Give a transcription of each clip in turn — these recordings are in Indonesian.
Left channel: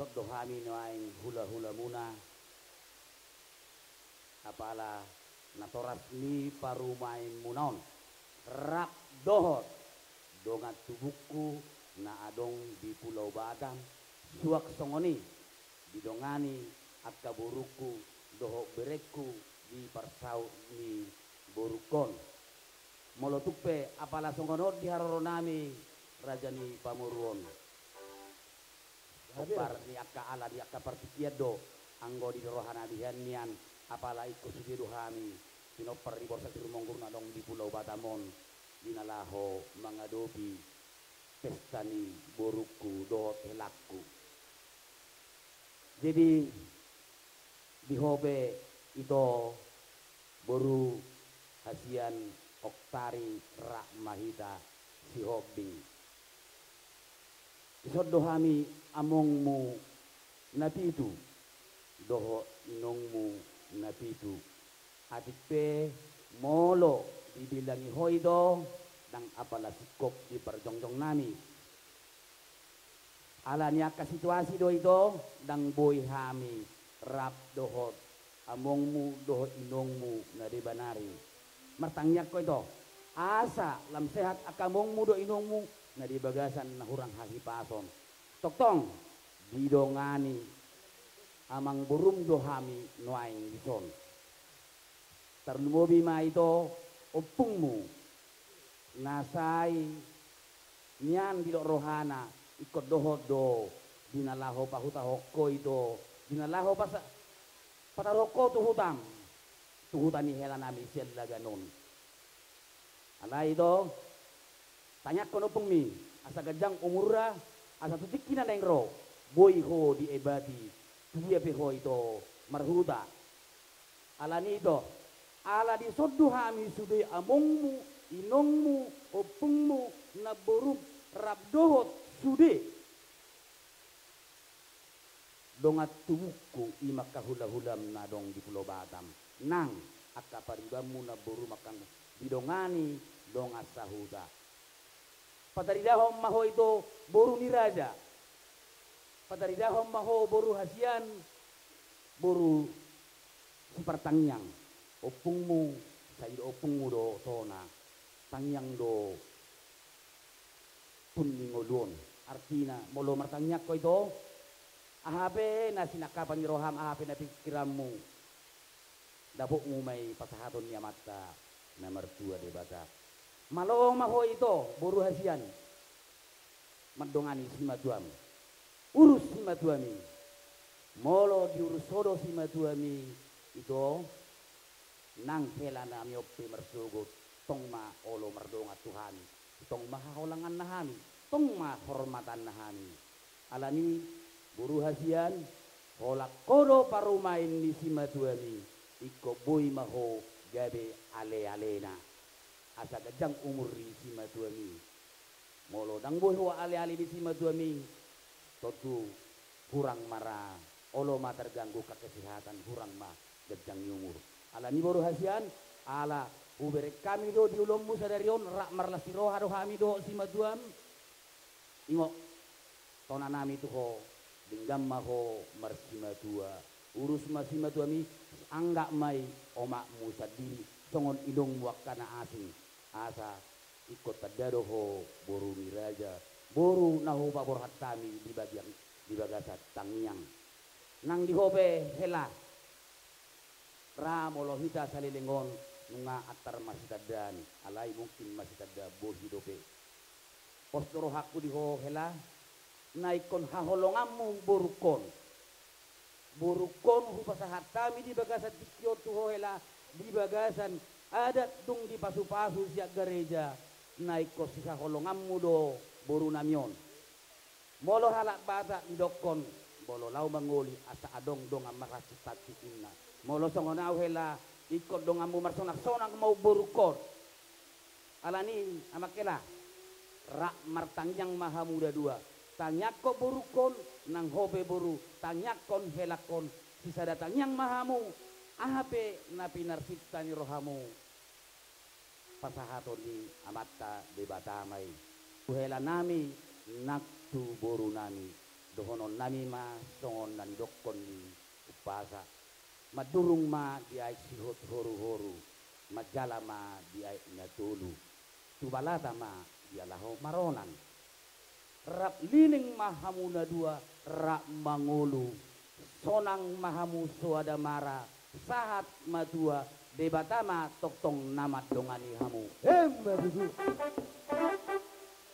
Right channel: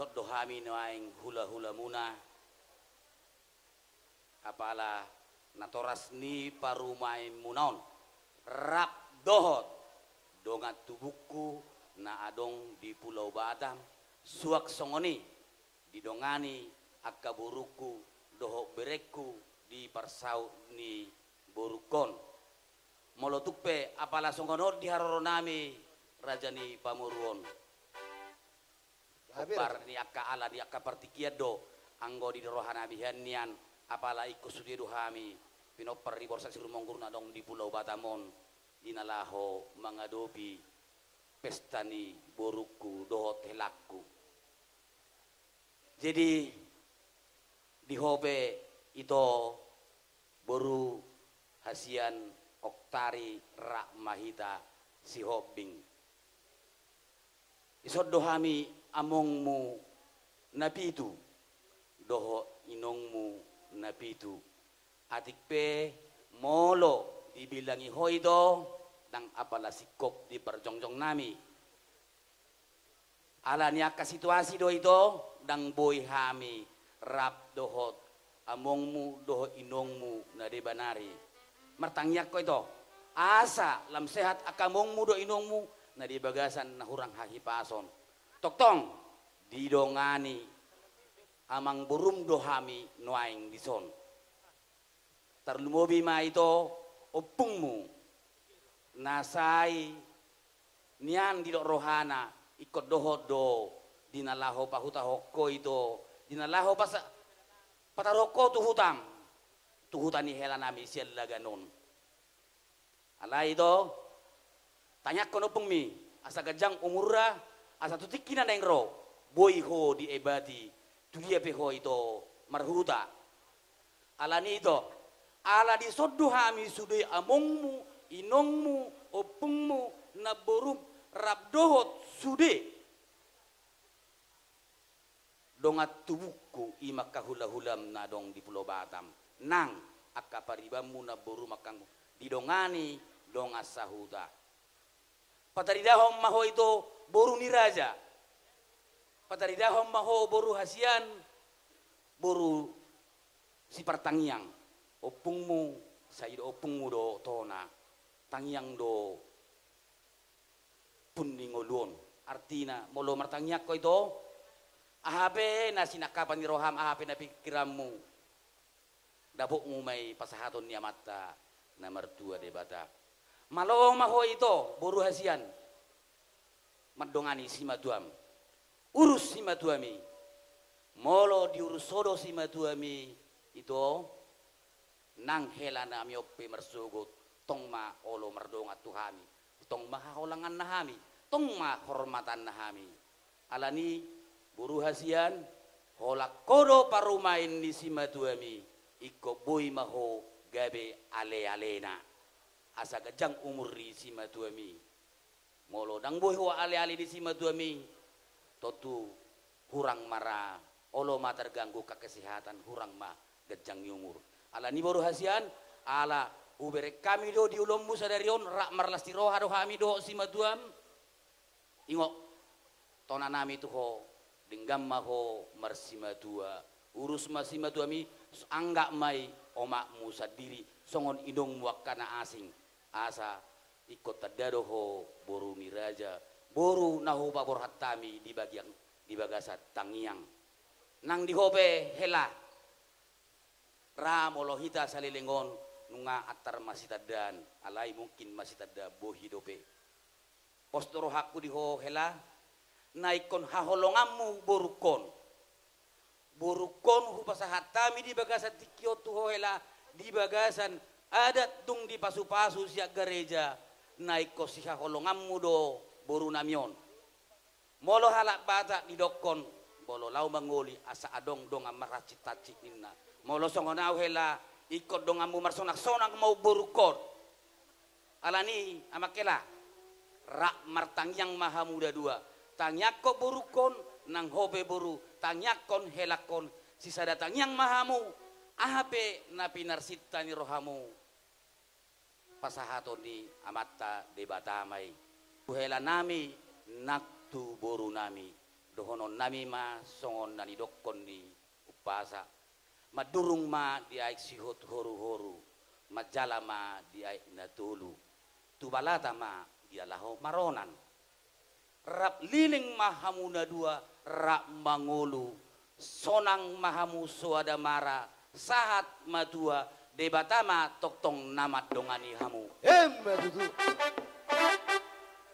isot dohami naing hula-hula muna apala natoras ni parumain munaon rap dohot dongat tubuku na adong di Pulau Batam suak songoni didongani akaburuku doho bereku di parsau ni borukon molotukpe apala songonor di haroronami rajani pamuruon kopar ni akka ala di akka partikiat do anggo di rohana bihanian apala iko sudido hami pinopar di borsa sirumonggur na dong di Pulau Batamon dinalaho mangadobi pestani boruku dohot helakku jadi di hobe itu boru hasian oktari rak mahita si hobing isod dohami amongmu napitu doho inongmu napitu atikpe molo dibilangi hoido dang apala sikop di perjongjong nami ala niaka situasi do itu dang boy hami rap dohot amongmu doho inongmu na debanari martangyak ko ito asa lam sehat akamongmu do inongmu na dibagasan na hurang hahipason toktong didongani amang burum dohami nuaing dison terlumobi ma ito opungmu nasai nian di rohana ikut dohot do dinalaho pahuta hokko itu dinalaho pasa pataroko tu hutani hela nami sial laganon ala itu tanya kono pengmi asa gajang umurra asa tutikina neng ro boy ho di ebati tu dia peho itu marhuta ala ni itu ala di sodu hami sudai amongmu inongmu opungmu naborum rabdohot sude dongat tubuku imak kahula-hulam na dong di Pulau Batam nang akka paribamu naboru makang didongani donga sahuta pataridahom maho itu boru niraja pataridahom maho boru hasian boru si pertangiang opungmu sayid opungmu do tona tangiang do puningoluon artina molo martangyak ko ito ahape na sinakapan ni roham ahape na pikirammu dabok mo may pasahaton ni amata na martua de bata malong maho ito boru hasian madongani si matuam urus si matuami molo diurus sodo si matuami ito nang hela na miope marsugot tong ma olo mardonga tuhami tong mahaholangan nahami tong mahormatan nahami alani buru hasian holak kodo parumain ni simatuami iko boy maho gabe ale-alena asa gajang umuri simatuami molo dang boy ho ale-ale di simatuami totu hurang mara olo ma terganggu kesehatan hurang ma gajang umur alani boru hasian ala ubere kami do di ulommu sadarion rak marlasti roha do hami do simatuam ingo tona nami tu ho denggam maho marsimatua urus masimatuami anggak mai omakmu sadiri songon idong wakana asing asa ikut tadado ho boru miraja boru naho babor hatami di bagian di bagasat tangiang nang di hobe hela ramolo hita salilengon nunga atar masitadan alai mungkin masitada bohi dope postoro hakku di ho hela naikon haholongamu borukon hupasahatami di bagasan tikio tu ho hela di bagasan adat dung di pasu-pasu siak gereja naiko si haholongamu do boru namion molo halak bata di dokon bolo lau mangoli asa adong dong amaracit-tacit inna molo songonau hela ikut dong amu marsonak-sonak mau borukon alani amakela rak martang yang maha muda dua tangyakko borukon nang hobe boru tangyakon helakon sisa datang yang mahamu ahape napi narsita ni rohamu pasahaton di amata de batamai uhela nami naktu boru nami dohonon nami ma songon nani dokkon ni upasa madurung ma di aik sihot horu-horu majala ma di aik natulu tubalata ma di alaho maronan rap liling mahamuna dua rap mangulu sonang mahamu soada mara sahat madua debatama toktong namat dongani hamu Madudu.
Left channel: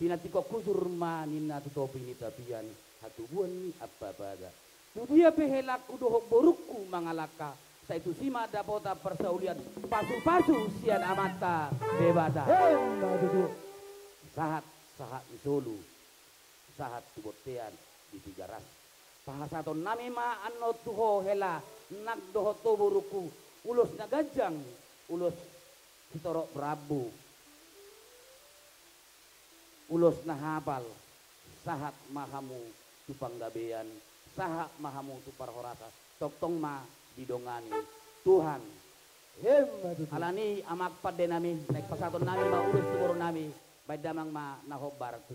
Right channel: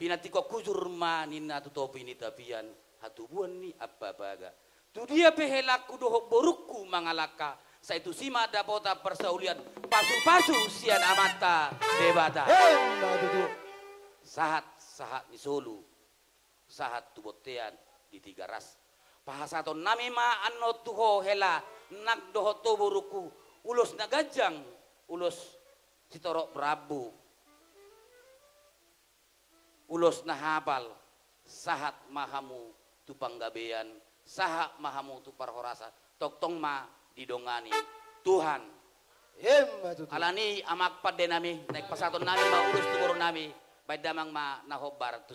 pinatiko kujur ma nina tutopi ni tapian hatubuan ni apa baga tu dia pehelaku dohok borukku mangalaka sa itu sima dapota persaulian pasu-pasu sian amata debata Madudu. sahat di Solo sahat tubotean di tiga ras pahasaton nami ma anno tuho hela nak doho to boruku ulos na gajang ulos sitorok Prabu ulos na habal sahat mahamu tu panggabean sahat mahamu tu parhorasa toktong ma didongani Tuhan Madudu. alani amak padde nami naik pasaton nami ma ulus tu boro nami baik damang ma nahobar tu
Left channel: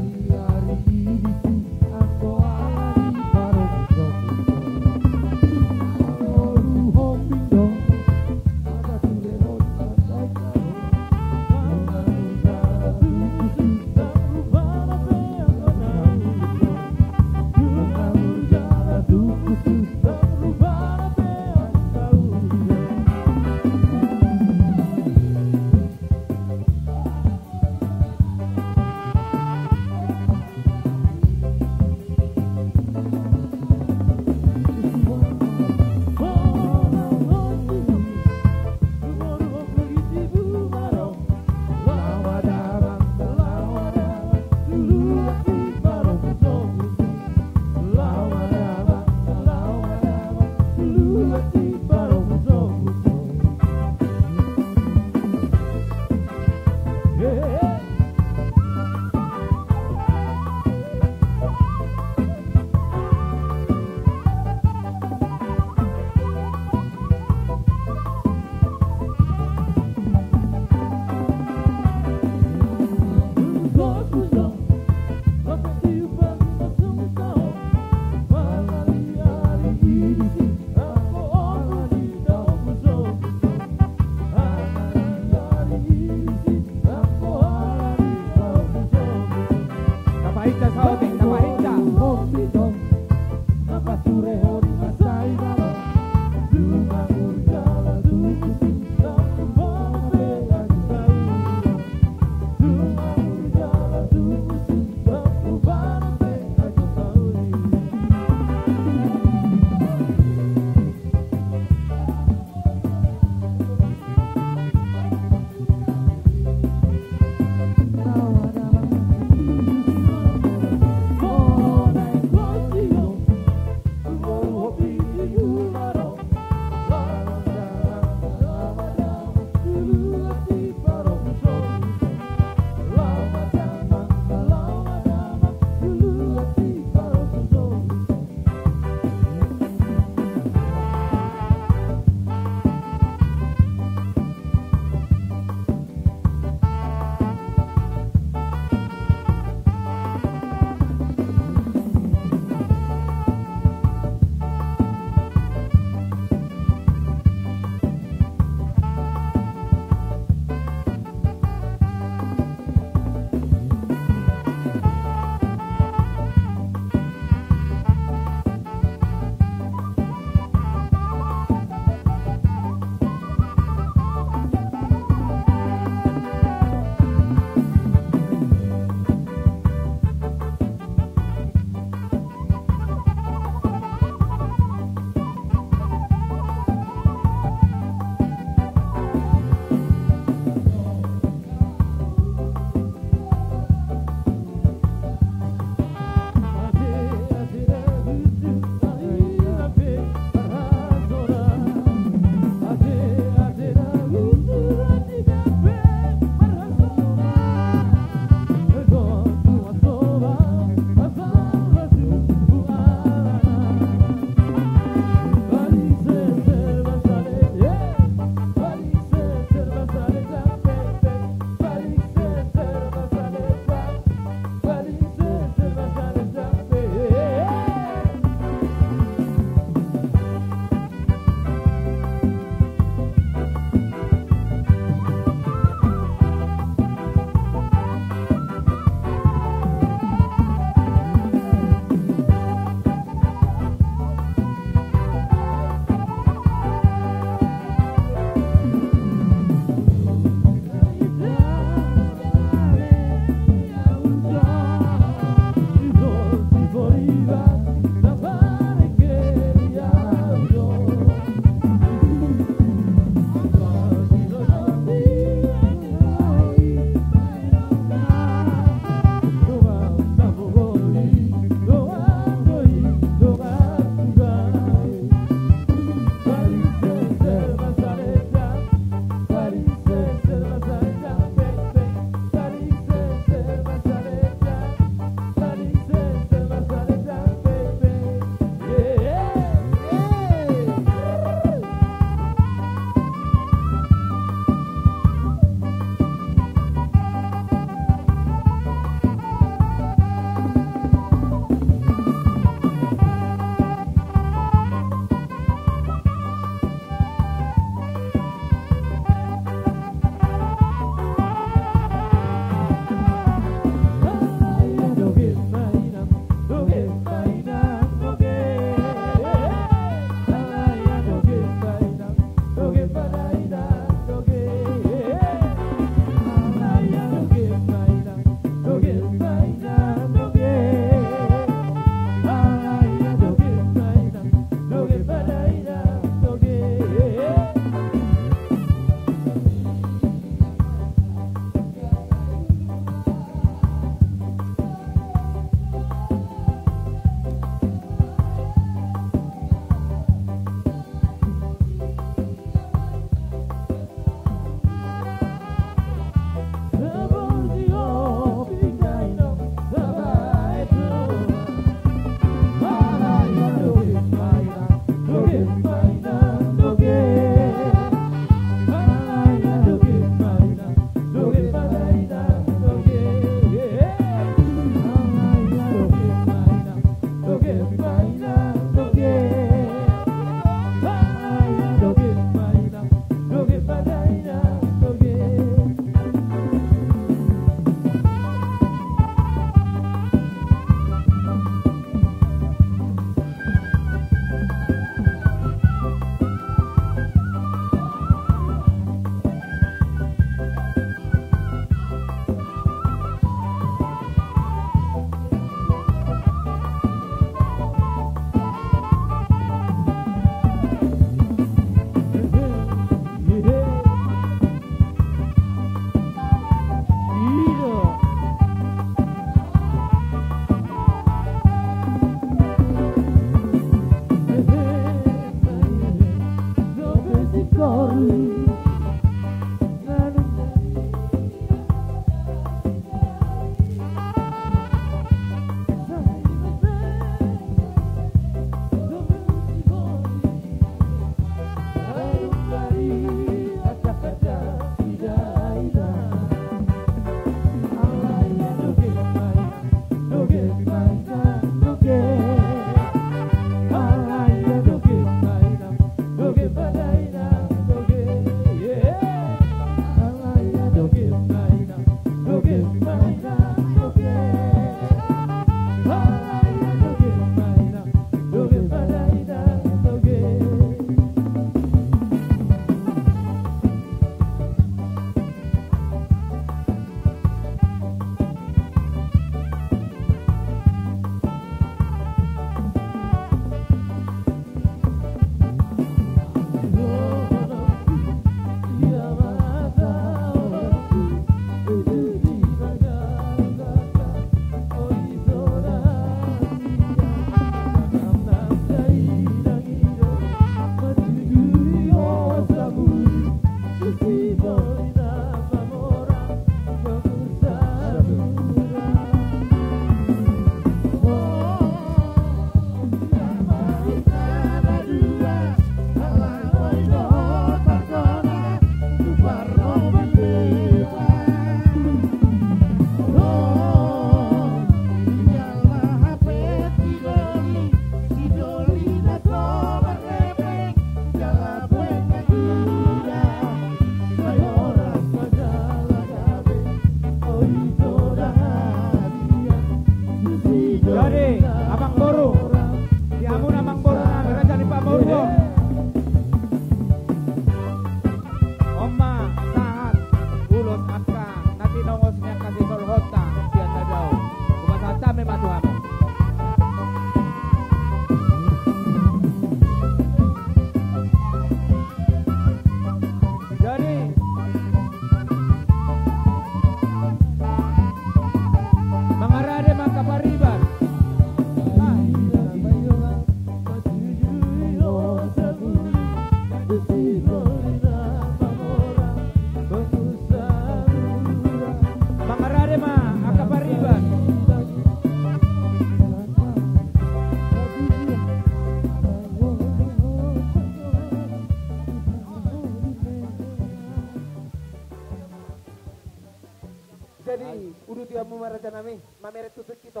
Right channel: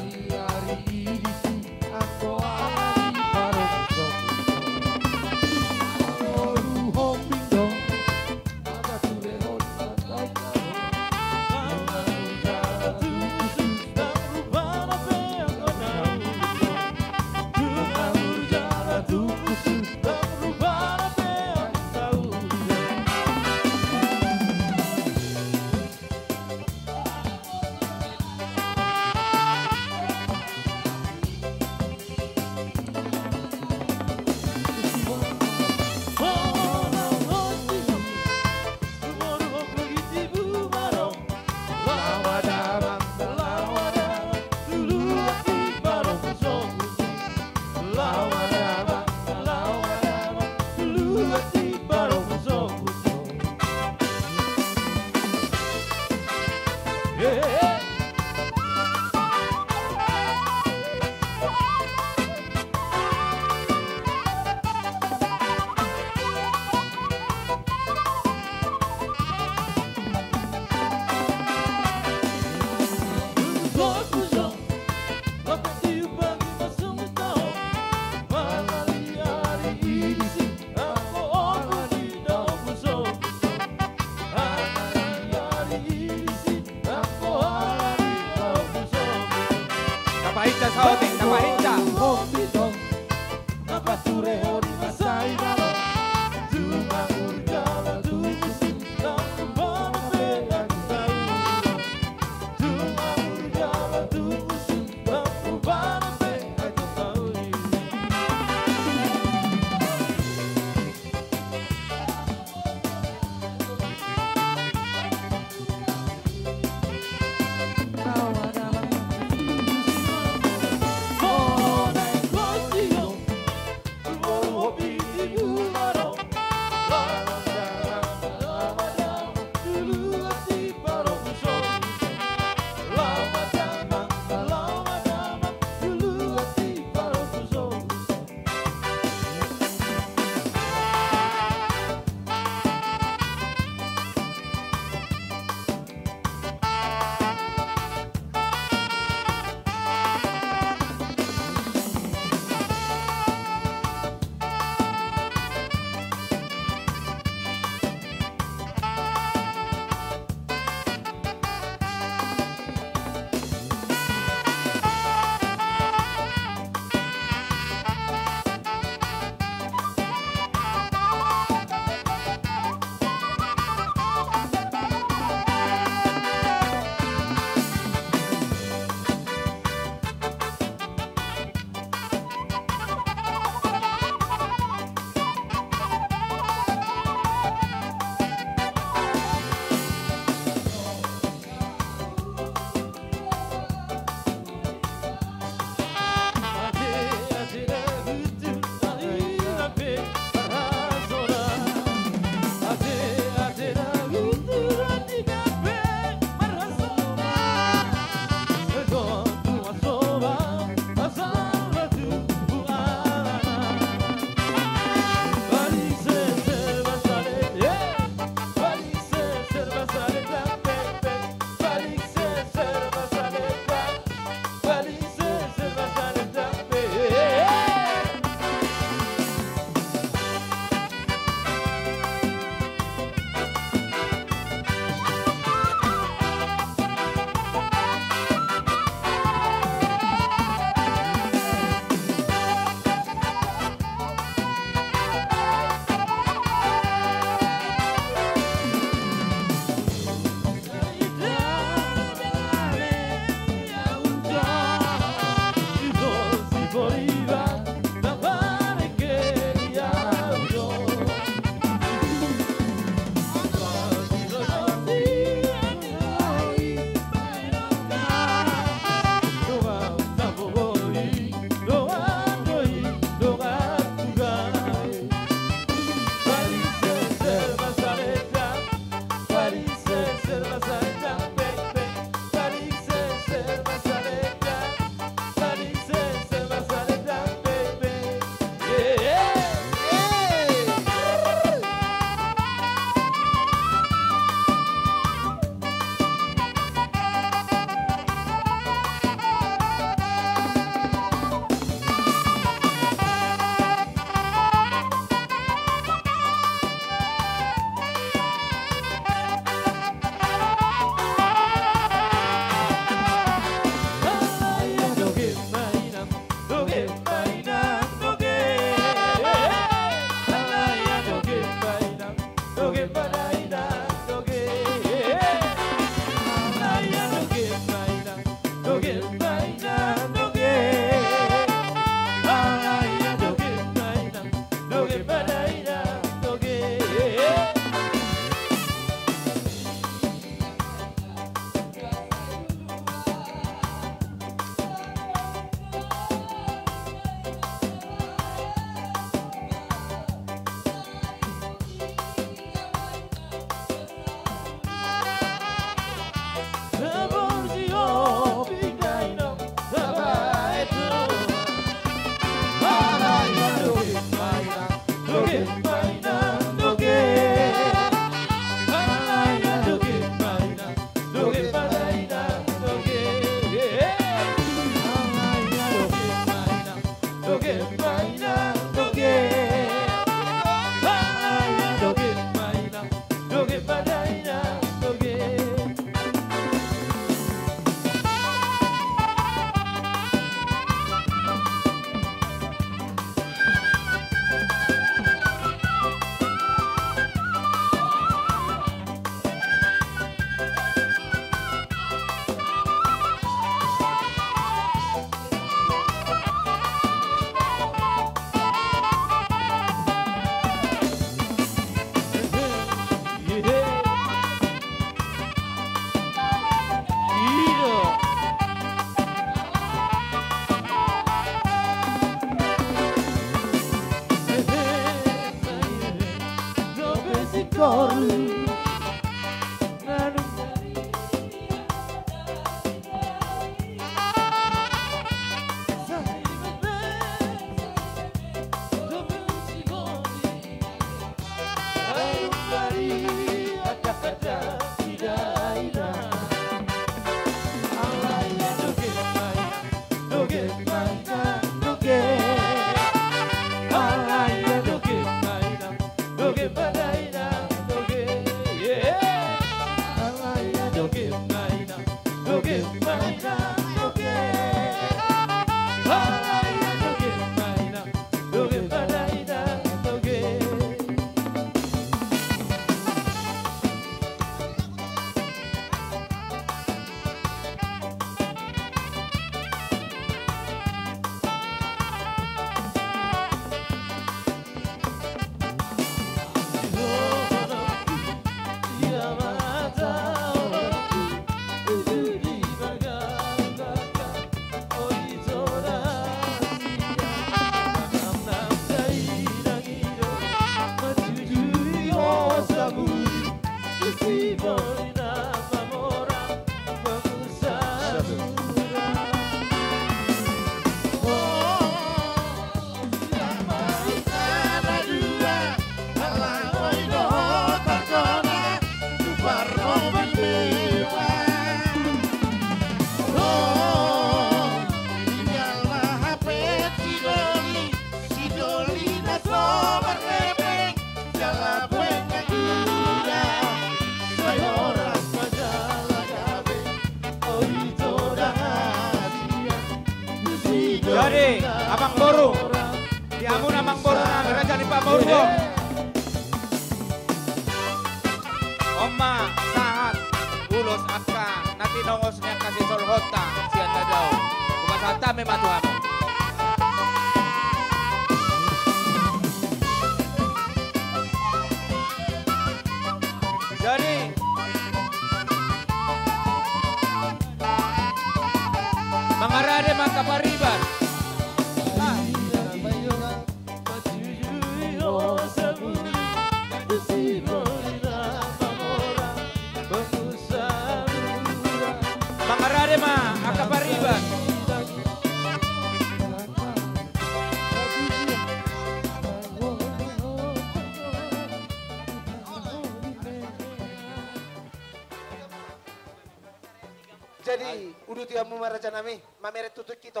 Jadi, udah tiamu marajan nami, mameret tutut kita.